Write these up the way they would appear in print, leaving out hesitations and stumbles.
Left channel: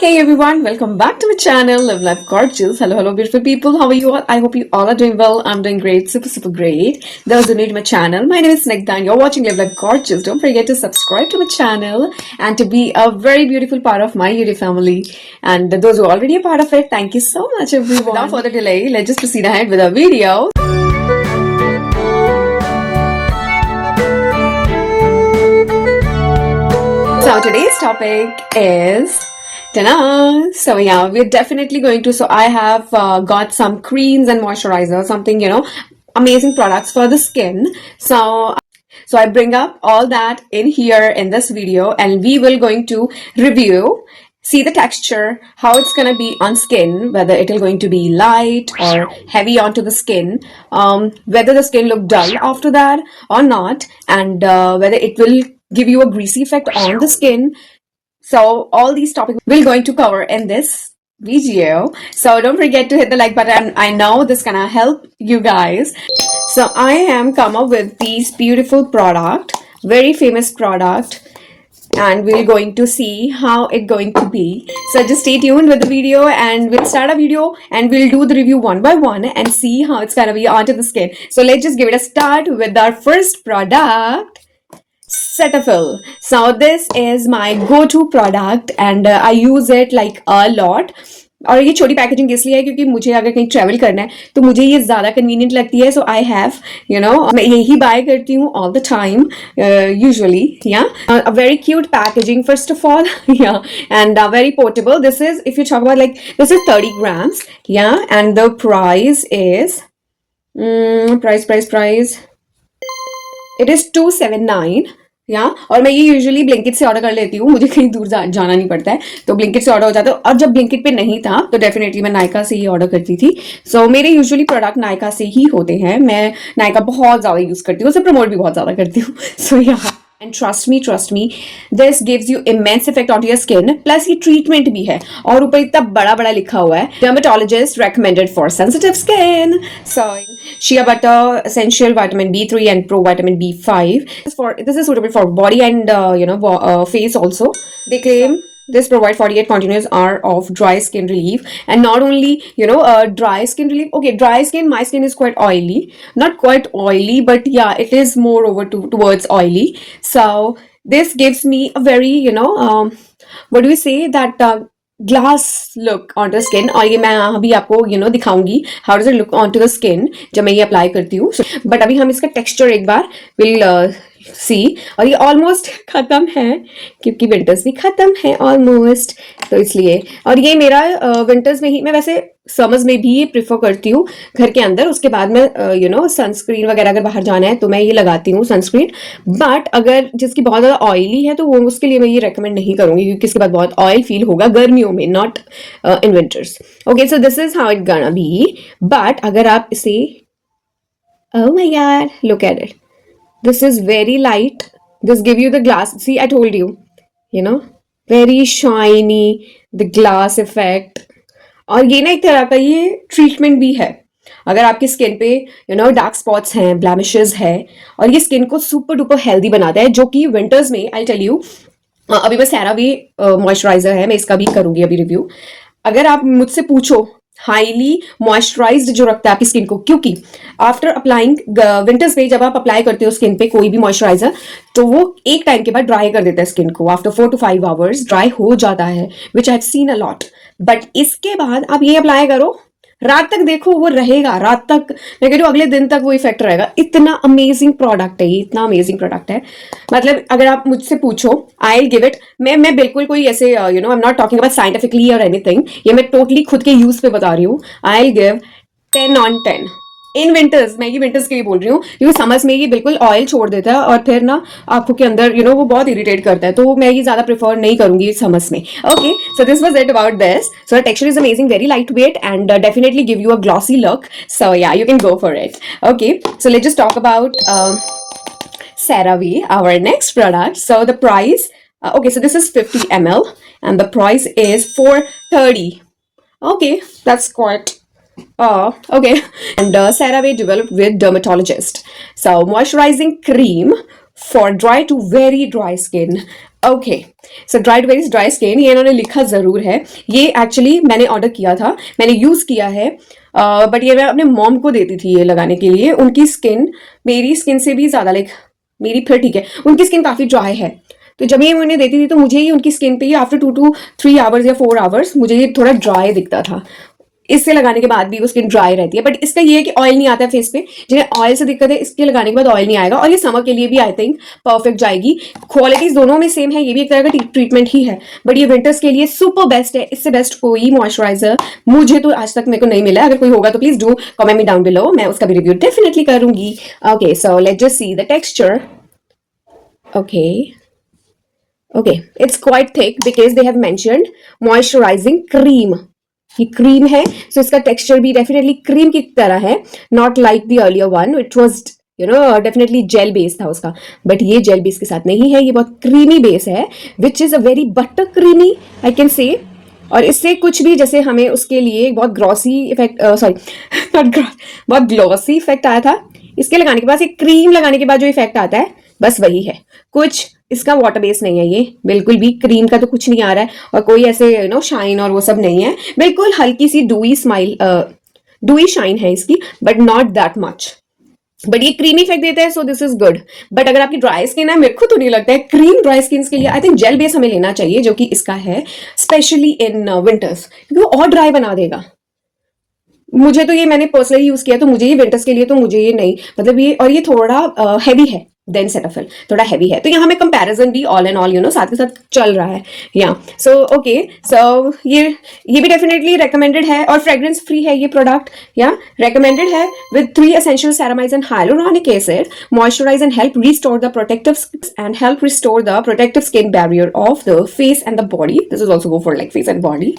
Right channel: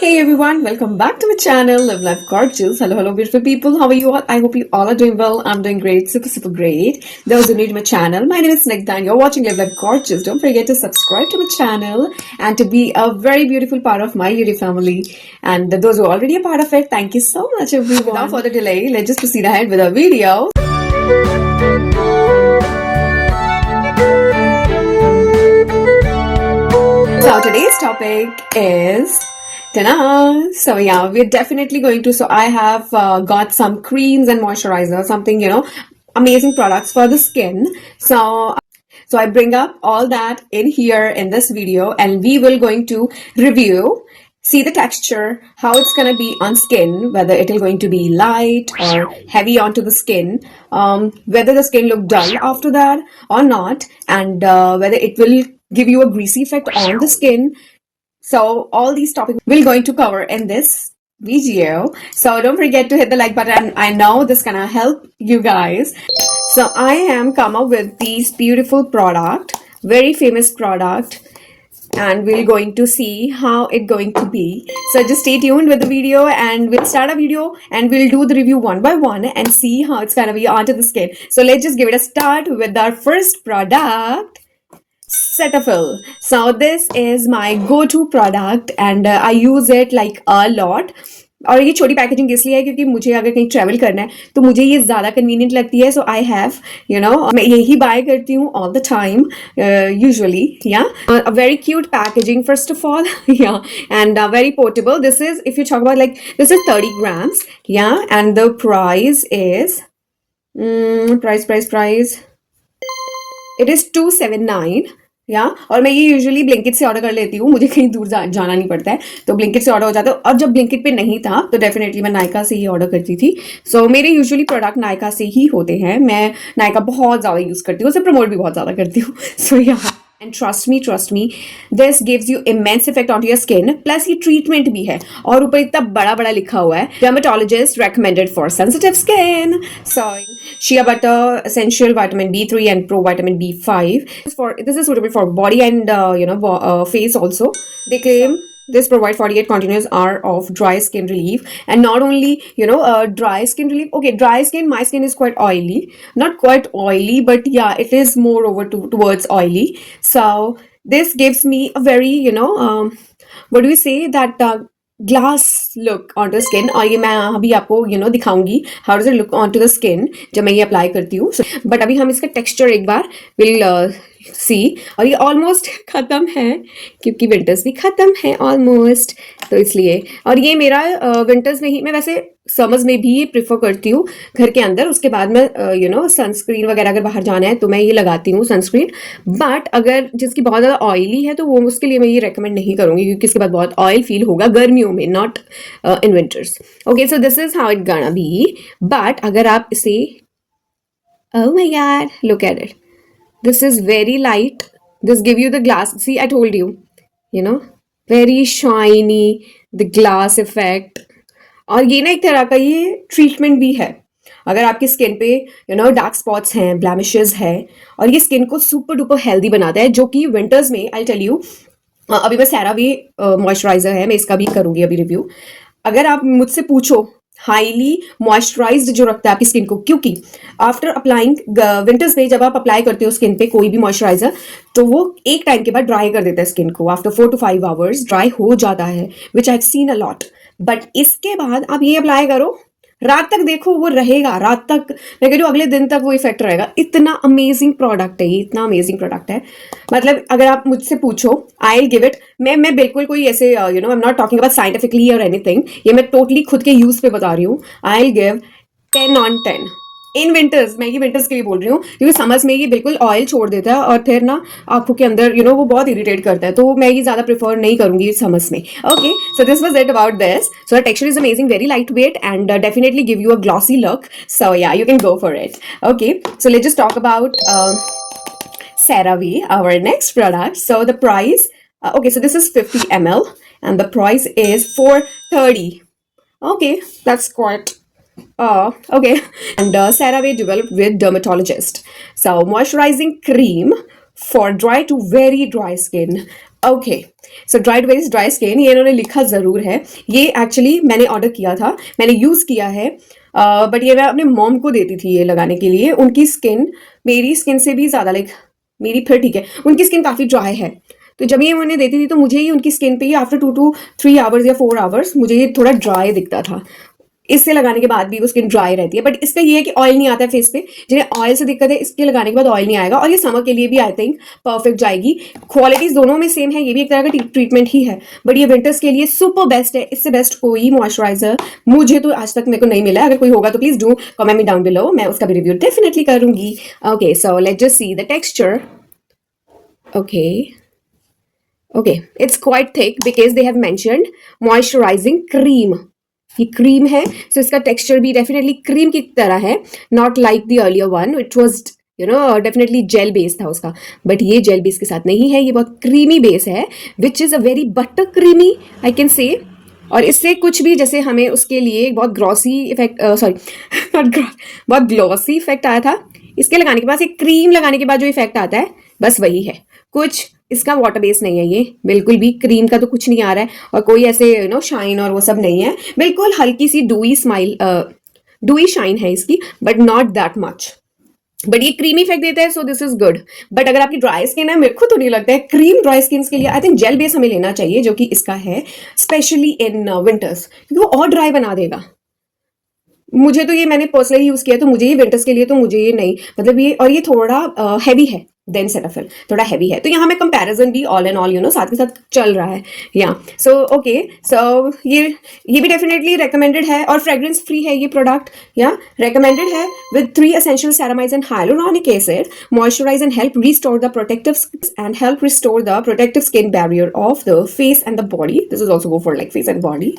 Hey everyone, welcome back to my channel, Live Life Gorgeous. Hello, beautiful people. How are you all? I hope you all are doing well. I'm doing great, super great. Those who new to my channel, my name is Snigdha and you're watching Live Life Gorgeous. Don't forget to subscribe to my channel and to be a very beautiful part of my YouTube family. And those who are already a part of it, thank you so much everyone. Without further delay, let's just proceed ahead with our video. So today's topic is ta-da! So yeah, we're definitely going to, so I have got some creams and moisturizer, something, amazing products for the skin. So I bring up all that in here in this video and we will going to review, see the texture, how it's going to be on skin, whether it is going to be light or heavy onto the skin, whether the skin look dull after that or not, and whether it will give you a greasy effect on the skin. So all these topics we're going to cover in this video. So don't forget to hit the like button. I know this gonna help you guys. So I am come up with these beautiful product, very famous product, and we're going to see how it going to be. So just stay tuned with the video and we'll start a video and we'll do the review one by one and see how it's gonna be onto the skin. So let's just give it a start with our first product, Cetaphil. So this is my go-to product and I use it like a lot. और ये छोटी पैकेजिंग इसलिए है क्योंकि मुझे अगर कहीं ट्रैवल करना है तो मुझे ये ज़्यादा कन्वीनियंट लगती है. सो आई हैव मैं यही बाय करती हूँ all the time usually. Yeah a very cute packaging first of all. Yeah and very portable. This is, if you talk about like, this is 30 grams. Yeah and the price is price it is 279. Yeah और मैं ये usually Blinkit से ऑर्डर कर लेती हूँ, मुझे कहीं दूर जाना नहीं पड़ता है तो ब्लिंकिट से ऑर्डर हो जाता है. और जब ब्लिंकिट पे नहीं था तो डेफिनेटली मैं नायका से ही ऑर्डर करती थी. सो मेरे यूजुअली प्रोडक्ट नायका से ही होते हैं. मैं नायका बहुत ज़्यादा यूज़ करती हूँ, उसे प्रमोट भी बहुत ज़्यादा करती हूँ. सो यहाँ and trust me, this gives you immense effect on your skin. Plus ये ट्रीटमेंट भी है और ऊपर इतना बड़ा लिखा हुआ है, dermatologist recommended for sensitive skin. So shea butter, essential vitamin B3 and pro vitamin B5. This is suitable for body and face also. They claim this provide 48 continuous hours of dry skin relief, and not only dry skin relief. Okay, dry skin, my skin is quite oily, not quite oily, but yeah, it is more over towards oily. So this gives me a very what do we say, that glass look on the skin. और ये मैं अभी आपको दिखाऊंगी how does it look on to the skin जब मैं ये अप्लाई करती हूँ. बट अभी हम इसका टेक्सचर एक बार विल सी. और ये ऑलमोस्ट ख़त्म है क्योंकि विंटर्स भी ख़त्म है ऑलमोस्ट, तो इसलिए. और ये मेरा विंटर्स में ही, मैं वैसे समर्स में भी ये प्रिफर करती हूँ घर के अंदर. उसके बाद मैं सनस्क्रीन वगैरह अगर बाहर जाना है तो मैं ये लगाती हूँ सनस्क्रीन. बट अगर जिसकी बहुत ज़्यादा ऑयली है तो वो उसके लिए मैं ये रेकमेंड नहीं करूँगी क्योंकि इसके बाद बहुत ऑयल फील होगा गर्मियों में, not in winters. Okay, so this is how it gonna be. But अगर आप इसे, oh my God, look at it. This is very light. This give you the glass. See, I told you, very shiny, the glass effect. और ये ना एक तरह का ये ट्रीटमेंट भी है. अगर आपकी स्किन पे डार्क स्पॉट्स हैं, ब्लैमिशेस है, और ये स्किन को सुपर डुपर हेल्दी बनाता है, जो कि विंटर्स में, आई टेल यू, अभी मैं सेरावी मॉइस्चराइजर है, मैं इसका भी करूंगी अभी रिव्यू. अगर आप मुझसे पूछो, हाईली मॉइस्चराइज्ड जो रखता है आपकी स्किन को, क्योंकि आफ्टर अप्लाइंग विंटर्स में जब आप अप्लाई करते हो स्किन पे कोई भी मॉइस्चराइजर तो वो एक टाइम के बाद ड्राई कर देता है स्किन को. आफ्टर 4 to 5 आवर्स ड्राई हो जाता है, which I have seen a lot. But इसके बाद आप ये अप्लाई करो, रात तक देखो वो रहेगा, रात तक, मैं कह रही हूँ अगले दिन तक वो इफेक्ट रहेगा. इतना अमेजिंग प्रोडक्ट है ये, इतना अमेजिंग प्रोडक्ट है. मतलब अगर आप मुझसे पूछो, आई विल गिव इट, मैं बिल्कुल कोई ऐसे I am not talking about scientifically और एनीथिंग, ये मैं टोटली खुद के यूज पे बता रही हूँ. आई विल गिव 10 on 10 इन विंटर्स. मैं ये विंटर्स के लिए बोल रही हूँ क्योंकि समर्स में ये बिल्कुल ऑयल छोड़ देता है और फिर ना आंखों के अंदर वो बहुत इरिटेट करता है, तो मैं ये ज्यादा प्रेफर नहीं करूंगी समर्स में. Okay, so this was it about this. So the texture is amazing, very lightweight and definitely give you a glossy look. So yeah, you can go for it. Okay, so let's just talk about CeraVe, our next product. So the price, okay, so this is 50 ml and the price is 430. Okay, that's quite okay. And CeraVe developed with dermatologist. So moisturizing cream for dry to very dry skin. Okay, so dry to very dry skin, ये इन्होंने लिखा ज़रूर है। ये एक्चुअली मैंने ऑर्डर किया था, मैंने यूज़ किया है, बट ये मैं अपने मॉम को देती थी ये लगाने के लिए। उनकी स्किन मेरी स्किन से भी ज़्यादा, लाइक मेरी फिर ठीक है, उनकी स्किन काफ़ी ड्राई है, तो जब ये उन्हें देती थी तो मुझे ही उनकी स्किन पे ही आफ्टर 2 to 3 आवर्स या 4 आवर्स मुझे ये थोड़ा ड्राई दिखता था। इससे लगाने के बाद भी वो स्किन ड्राई रहती है, बट इसका ये है कि ऑयल नहीं आता है फेस पे। जिन्हें ऑयल से दिक्कत है, इसके लगाने के बाद ऑयल नहीं आएगा, और ये समर के लिए भी आई थिंक परफेक्ट जाएगी। क्वालिटीज दोनों में सेम है, ये भी एक तरह का ट्रीटमेंट ही है, बट ये विंटर्स के लिए सुपर बेस्ट है। इससे बेस्ट कोई मॉइस्चराइजर मुझे तो आज तक मेरे को नहीं मिला है। अगर कोई होगा तो please do comment me down below, मैं उसका भी रिव्यू डेफिनेटली करूंगी। Okay, so let's just see the texture. Okay, it's quite thick because they have mentioned moisturizing cream. ये क्रीम है, so इसका टेक्सचर भी डेफिनेटली क्रीम की तरह है, not like the earlier one, it was definitely gel base था उसका, बट ये जेल बेस के साथ नहीं है, ये बहुत क्रीमी बेस है, which is a very butter creamy I can say. और इससे कुछ भी, जैसे हमें उसके लिए बहुत ग्लॉसी इफेक्ट, बहुत ग्लॉसी इफेक्ट आया था, इसके लगाने के बाद, एक क्रीम लगाने के बाद जो इफेक्ट आता है बस वही है। कुछ इसका वाटर बेस नहीं है, ये बिल्कुल भी क्रीम का तो कुछ नहीं आ रहा है, और कोई ऐसे शाइन और वो सब नहीं है, बिल्कुल हल्की सी डूई स्माइल, डूई शाइन है इसकी, but not that much, but ये क्रीमी इफेक्ट देता है, सो दिस इज गुड। बट अगर आपकी ड्राई स्किन है, मेरे को तो नहीं लगता है क्रीम ड्राई स्किन के लिए, आई थिंक जेल बेस हमें लेना चाहिए, जो कि इसका है, स्पेशली इन विंटर्स, क्योंकि वो और ड्राई बना देगा। मुझे तो ये, मैंने पर्सनली यूज किया, तो मुझे ये विंटर्स के लिए तो मुझे ये नहीं, मतलब ये, और ये थोड़ा हैवी है देन सेटाफिल, थोड़ा हैवी है, तो यहाँ में कंपैरिजन भी ऑल एंड ऑल साथ के साथ चल रहा है। या सो ओके, सो ये भी डेफिनेटली रेकमेंडेड है, और फ्रेग्रेंस फ्री है ये प्रोडक्ट, या रेकमेंडेड है, विद 3 essential ceramides and hyaluronic acid, moisturize and help restore the protective skin barrier of the face and the body. This is also go for like face and body.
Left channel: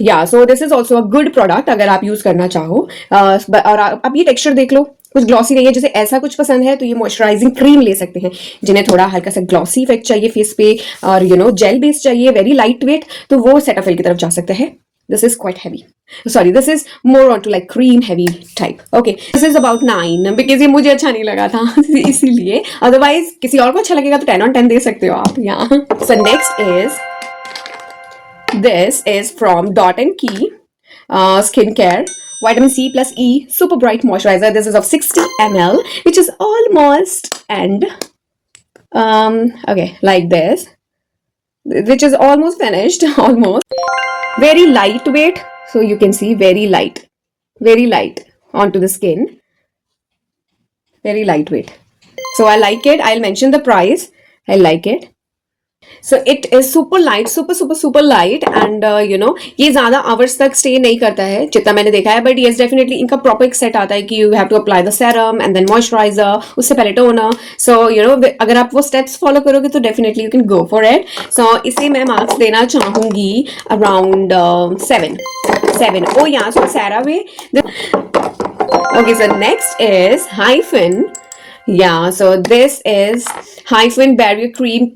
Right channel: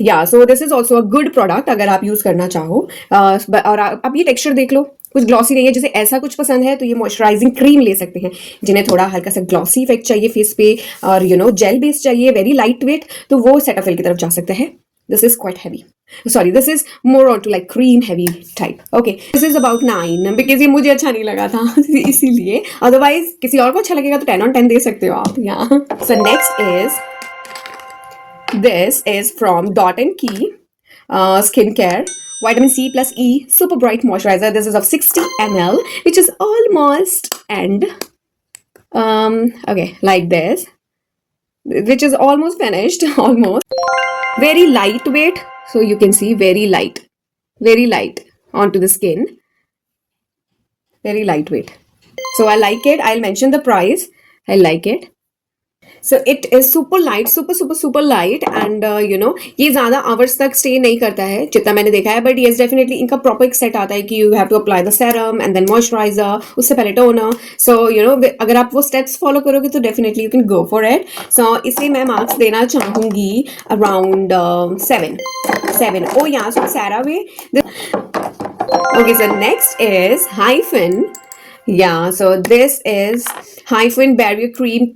Yeah, so this is also a good product अगर आप यूज करना चाहो। और आप ये टेक्सचर देख लो, कुछ ग्लॉसी नहीं है, जैसे ऐसा कुछ पसंद है तो ये मॉइस्चराइजिंग क्रीम ले सकते हैं। जिन्हें थोड़ा हल्का सा ग्लॉसी इफेक्ट चाहिए फेस पे, और जेल बेस चाहिए, वेरी लाइट वेट, तो वो सेटाफिल की तरफ जा सकते हैं। This is quite heavy, sorry, this is more on to like cream heavy type. Okay, this is about 9 because ये मुझे अच्छा नहीं लगा था इसीलिए, अदरवाइज किसी और को अच्छा लगेगा तो 10 on 10 दे सकते हो आप यहाँ। So next is, this is from Dot and Key skincare vitamin C plus E super bright moisturizer. This is of 60 ml, which is almost, and okay, like this, which is almost finished, almost. Very lightweight, so you can see very light onto the skin, very lightweight, so I like it. I'll mention the price. I like it. So it is super light, super light, and ये ज्यादा आवर्स तक स्टे नहीं करता है जितना मैंने देखा है, बट येस डेफिनेटली इनका प्रॉपर एक सेट आता है कि you have to apply the serum and then moisturiser, उससे पहले टोनर। सो अगर आप वो स्टेप्स फॉलो करोगे तो definitely you can go for it. So इसे मैं मार्क्स देना चाहूंगी around 7। Oh yeah, so CeraVe. Okay, so next is Hyphen. Yeah, so this is Hyphen Barrier Cream.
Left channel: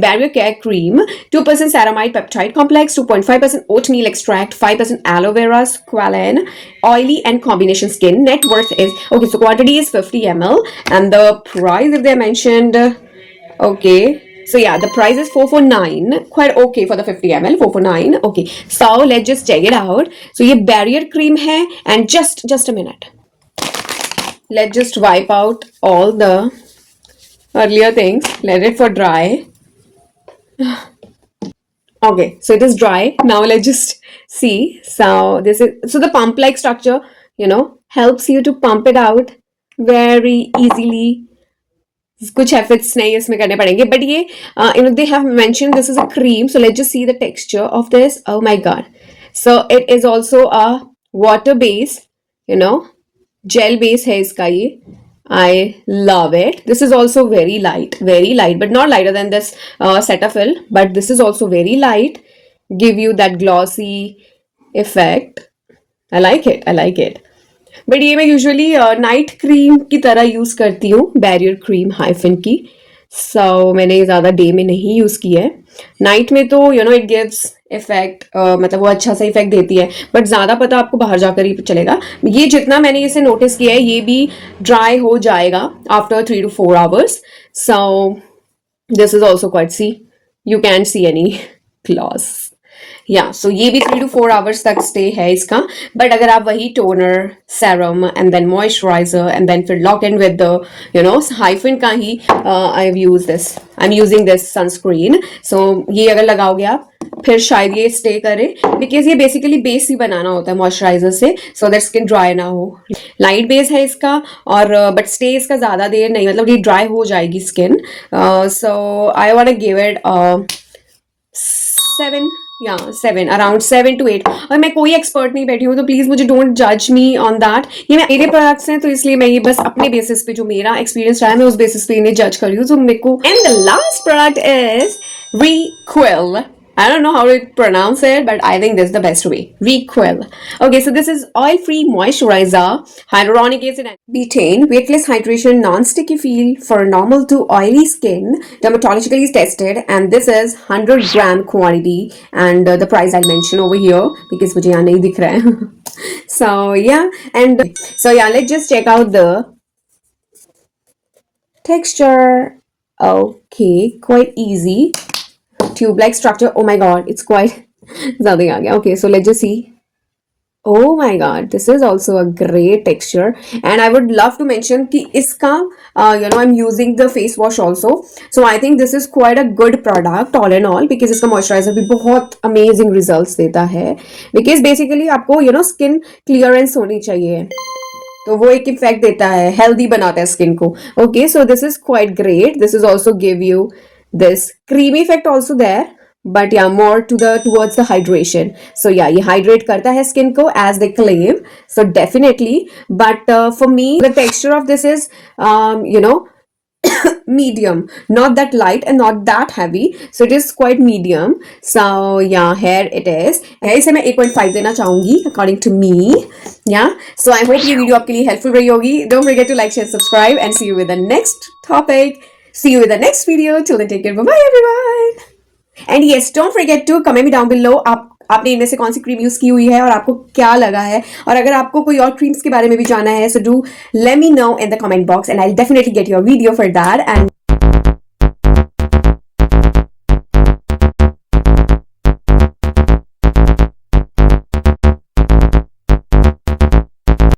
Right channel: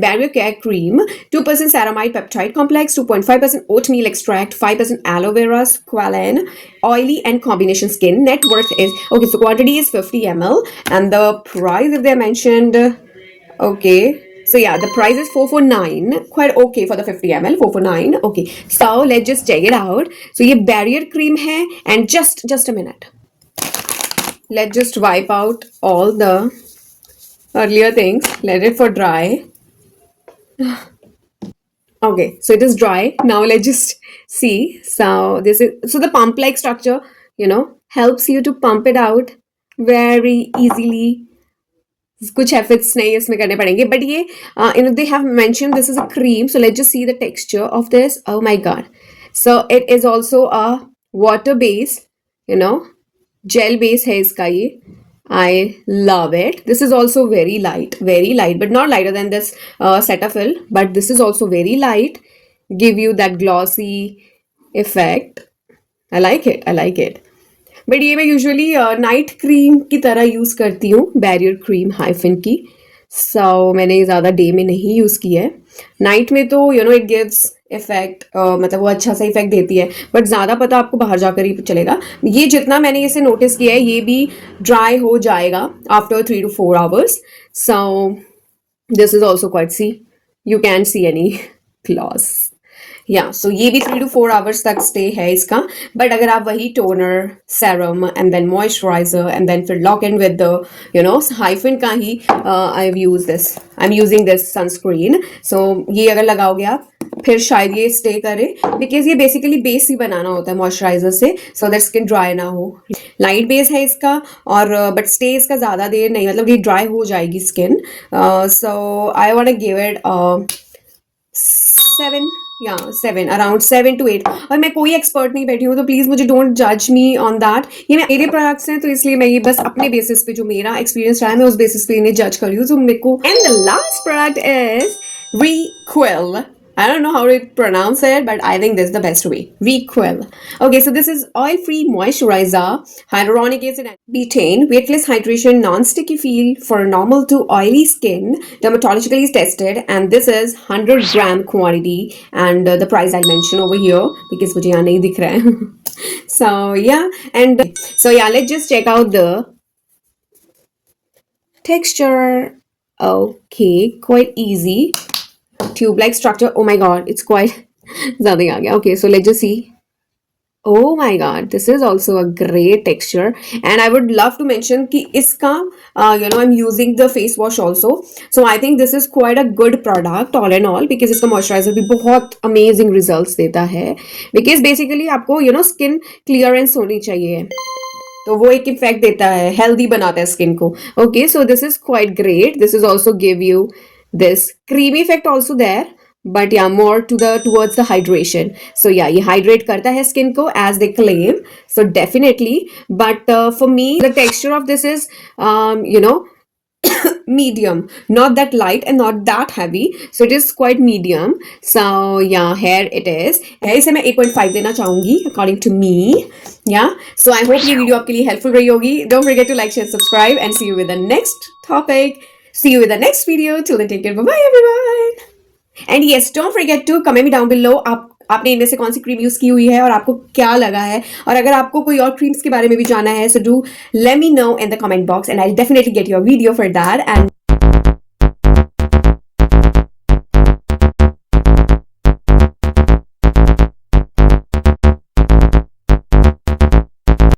Barrier Care Cream, 2% ceramide peptide complex, 2.5% oatmeal extract, 5% aloe vera squalane, oily and combination skin. Net worth is, okay, so quantity is 50 ml, and the price, if they mentioned, okay, so yeah, the price is 449, quite okay for the 50 ml, 449. Okay, so let's just check it out. So ये barrier cream है, and just a minute, let's just wipe out all the earlier things, let it for dry. Okay, so it is dry now. Let's just see. So this is, so the pump like structure helps you to pump it out very easily. कुछ efforts नहीं इसमें करने पड़ेंगे, but ये they have mentioned this is a cream, so let's just see the texture of this. Oh my god, so it is also a water base, gel base है इसका ये। I love it. This is also very light, but not lighter than this Cetaphil, but this is also very light, give you that glossy effect. I like it. But ये मैं usually night cream की तरह यूज करती हूँ, barrier cream hyphen की। सो मैंने ज़्यादा डे में नहीं यूज़ की है। नाइट में तो इट गिव्स इफेक्ट, मतलब वो अच्छा सा इफेक्ट देती है, बट ज़्यादा पता आपको बाहर जाकर ही चलेगा। ये जितना मैंने इसे नोटिस किया है ये भी ड्राई हो जाएगा after 3 to 4 hours। So this is also quite see, you can see any gloss. Yeah so ये भी 3 to 4 hours तक स्टे है इसका। बट अगर आप वही toner, serum and then moisturiser and then फिर lock in with the Hyphen का ही, I use this, I am using this sunscreen. So ये अगर लगाओगे आप फिर शायद ये स्टे करे, बिकॉज ये बेसिकली बेस ही बनाना होता है मॉइस्चराइजर से, सो दैट स्किन ड्राई ना हो। लाइट बेस है इसका, और बट स्टे इसका ज्यादा देर नहीं, मतलब ये ड्राई हो जाएगी स्किन। सो आई वांट गिव इट 7, या 7, अराउंड 7 to 8। और मैं कोई एक्सपर्ट नहीं बैठी हूँ, तो प्लीज मुझे डोंट जज मी ऑन दैट। ये मेरे प्रोडक्ट्स हैं, तो इसलिए मैं ये बस अपने बेसिस पे, जो मेरा एक्सपीरियंस रहा है, मैं उस बेसिस पे इन्हें जज कर रही हूँ। तो मेरे को, and the last product is Requel. I don't know how to pronounce it, but I think this is the best way. Requel. Okay, so this is oil-free moisturizer, hyaluronic acid and betaine, weightless hydration, non-sticky feel for normal to oily skin, dermatologically tested, and this is 100-gram quantity, and the price I'll mention over here because मुझे यहाँ नहीं दिख रहा है. So yeah, and so yeah, let's just check out the texture. Okay, quite easy. Tube like structure. Oh my god, it's quite ज़्यादा ही आ गया. Okay, so let's just see. Oh my god, this is also a great texture, and I would love to mention कि इसका I'm using the face wash also, so I think this is quite a good product all in all, because इसका moisturizer भी बहुत amazing results देता है, because basically आपको skin clearance होनी चाहिए, तो वो एक इफेक्ट देता है, हेल्दी बनाता है स्किन को. Okay, so this is quite great. This is also give you this creamy effect also there, but yeah more towards the hydration. So yeah ये हाइड्रेट करता है स्किन को as they claim, so definitely. But for me the texture of this is medium, not that light and not that heavy, so it is quite medium. So yeah, here it is. इसे मैं 8.5 देना चाहूंगी according to me. Yeah, so I hope ये वीडियो आपके लिए helpful रही होगी. Don't forget to like, share, subscribe, and see you with the next topic. See you with the next video. Till then, take care. Bye bye everyone. And yes, don't forget to comment me down below आपने इनमें से कौन सी cream use की हुई है और आपको क्या लगा है, और अगर आपको कोई और क्रीम्स के बारे में भी जानना है, so do let me know in the comment box and I'll definitely get your video for that. And